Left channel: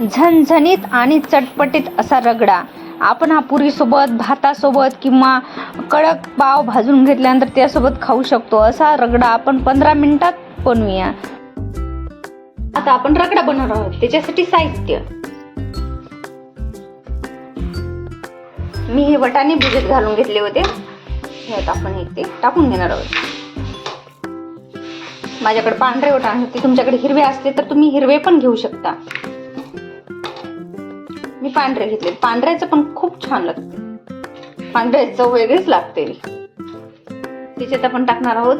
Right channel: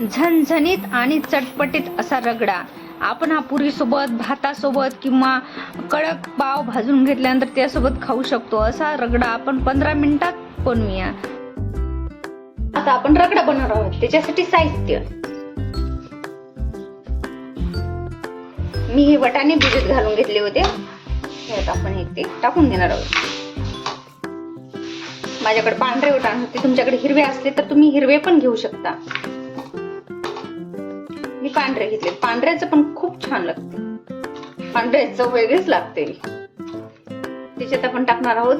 झणझणीत आणि चटपटीत असा रगडा आपण हा पुरीसोबत, भातासोबत किंवा कडक पाव भाजून घेतल्यानंतर त्यासोबत खाऊ शकतो. असा रगडा आपण 15 मिनिटात बनवूया. आता आपण रगडा बनवणार आहोत. त्याच्यासाठी साहित्य: मी हे वाटाणे भिजत घालून घेतले होते. ह्यात आपण ते टाकून घेणार आहोत. माझ्याकडे पांढरे वाटाणे होते, तुमच्याकडे हिरवे असते तर तुम्ही हिरवे पण घेऊ शकता. मी पांढरे घेतले. पांढऱ्याचं पण खूप छान लागते. पांढऱ्याची चव वेगळीच लागते. त्याच्यात आपण टाकणार आहोत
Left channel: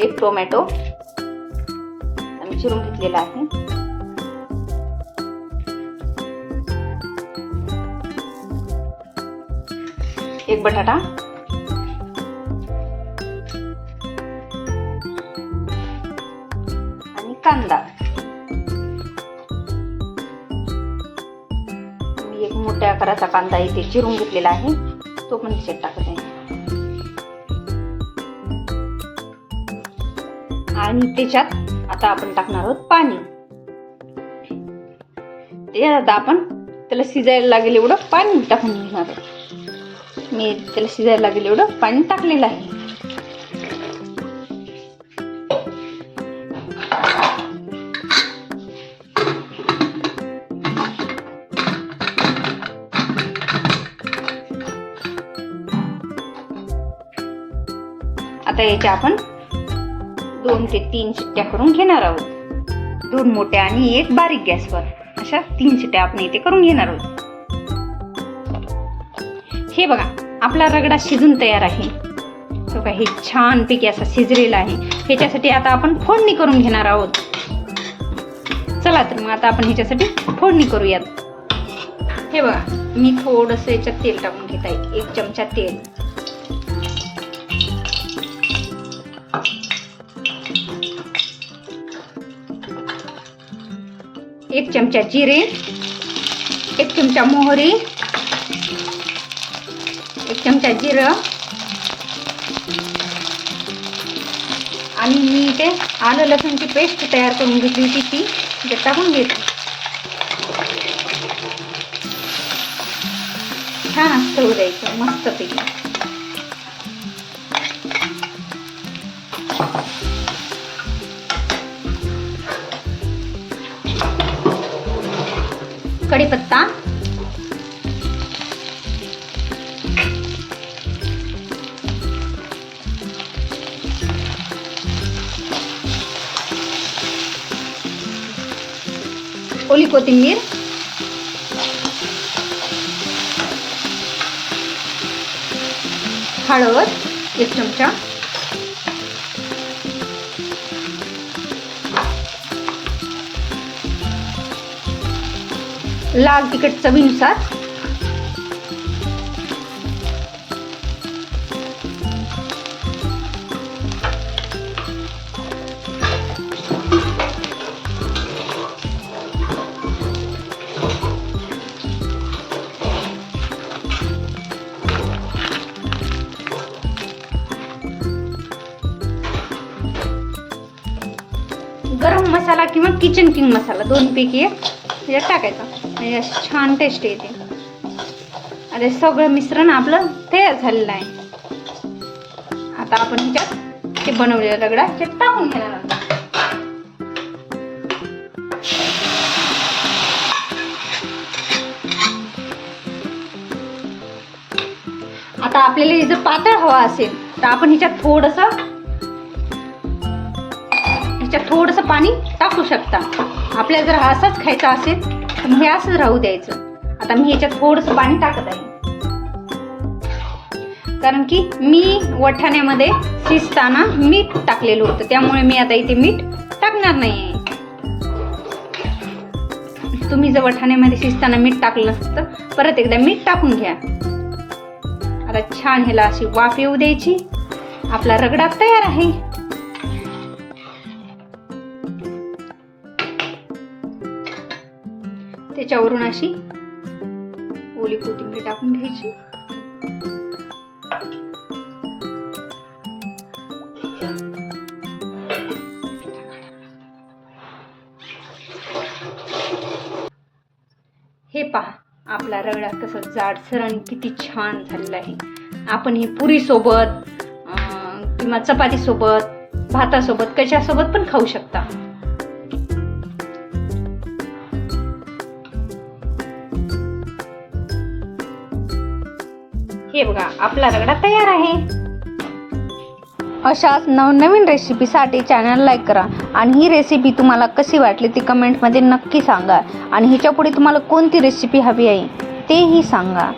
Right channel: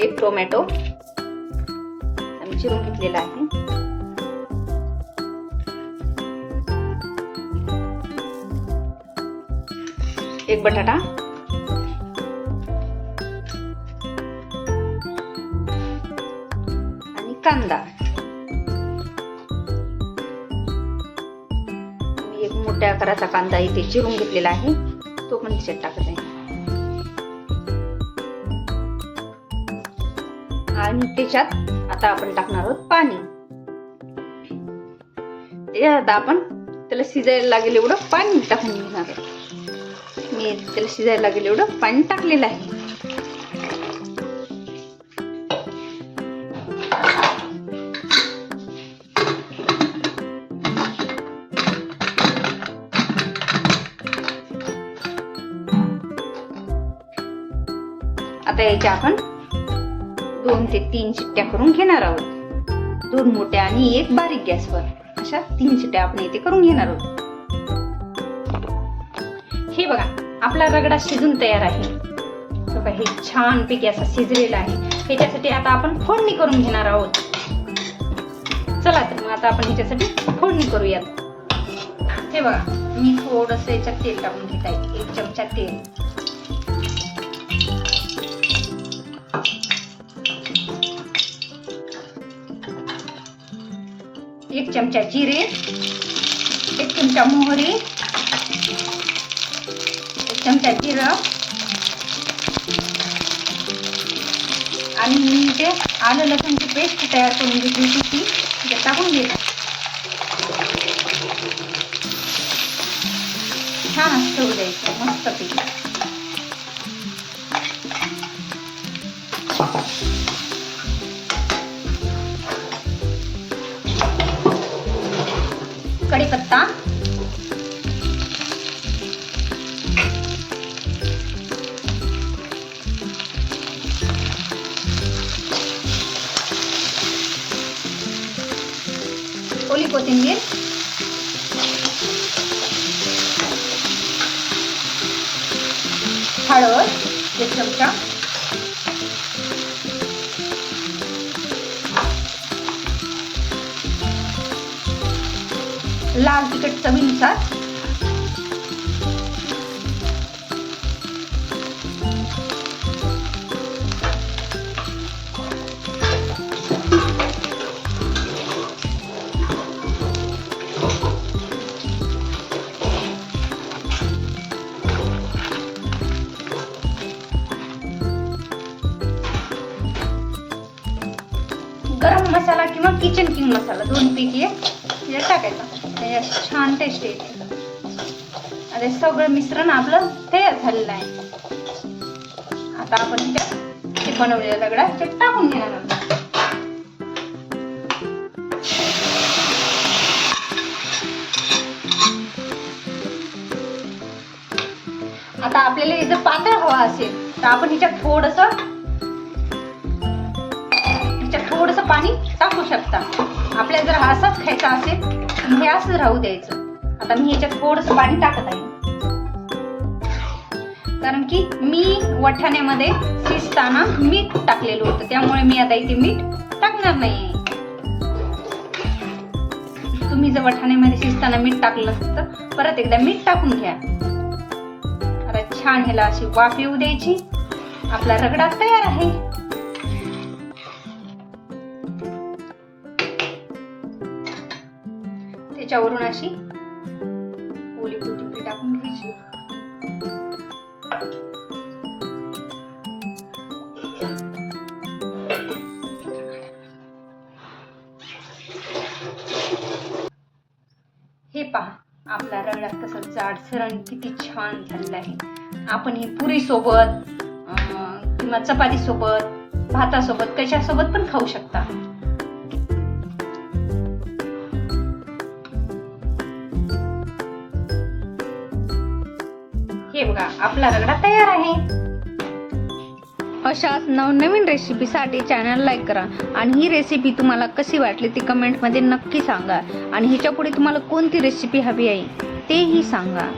1 टोमॅटो आम्ही चिरून घेतलेला आहे. एक बटाटा, आणि कांदा. मी एक मोठ्या आकाराचा कांदा इथे चिरून घेतलेला आहे, तो पण त्याच्यात टाकत आहे. आणि त्याच्यात आता आपण टाकणार आहोत पाणी. त्याच्यात आता आपण त्याला शिजायला लागेल एवढं पाणी टाकून घेणार आहोत. मी त्याला शिजायला लागेल एवढं पाणी टाकलेलं आहे. आता याच्या आपण 2 ते 3 शिट्ट्या करून घेणार आहोत. 2 मोठ्या आणि 1 बारीक गॅसवर, अशा 3 शिट्ट्या आपण इथे करून घेणार आहोत. हे बघा, आपला रगडा शिजून तयार आहे. बघा, हे छान पैकी असं शिजलेलं आहे. ह्याच्यासाठी आता आपण फोडणी करून घेणार आहोत. चला तर मग आता आपण ह्याच्यासाठी फोडणी करूयात. हे बघा, मी थोडंसं याच्यात तेल टाकून घेत आहे. 1 चमचा तेल, 1 चमचा जिरे, 1 चमचा मोहरी, 1 चमचा जिरं, आणि मी इथे आलं लसूणची पेस्ट तयार करून घेतली होती, ती त्याच्यात टाकून घेत. छान असं होऊ द्यायचं मस्त पैकी. कढीपत्ता, ओली कोथिंबीर, हळद 1 चमचा, लाल तिखट चवीनुसार, गरम मसाला किंवा किचन किंग मसाला, 2 पैकी 1 ह्याच्यात टाकायचा. छान टेस्ट येते. आता सगळं मिश्रण आपलं तयार झालेलं आहे. आता आपण ह्याच्यात ते बनवलेला रगडा ह्याच्यात टाकून घेणार आहोत. आता आपल्याला जर पातळ हवा असेल तर आपण ह्याच्यात थोडंसं पाणी टाकू शकता. आपल्याला जर असाच खायचा असेल तर हे असंच राहू द्यायचं. आता मी ह्याच्यात थोडंसं पाणी टाकत आहे, कारण की मी वाटाण्यामध्ये शिजताना मीठ टाकलेलं होतं, त्यामुळे मी आता इथे मीठ टाकणार नाही. तुम्ही जर वाटाण्यामध्ये शिजताना मीठ टाकलं तर परत एकदा मीठ टाकून घ्या. आता छान ह्याला अशी वाफ येऊ द्यायची. आपला रगडा तयार आहे. त्याच्यावरून अशी ओली कोथिंबीर टाकून घ्यायची. हे पहा आपला रगडा कसं जाडसर आणि किती छान झालेला आहे. आपण ही पुरी सोबत किंवा चपाती सोबत, भातासोबत, कशासोबत पण खाऊ शकता. हे बघा आपला रगडा तयार आहे. अशाच नवनवीन रेसिपीसाठी चॅनल लाईक करा आणि ही रेसिपी तुम्हाला कशी वाटली ती कमेंटमध्ये नक्की सांगा आणि ह्याच्या पुढे तुम्हाला कोणती रेसिपी हवी आहे तेही सांगा.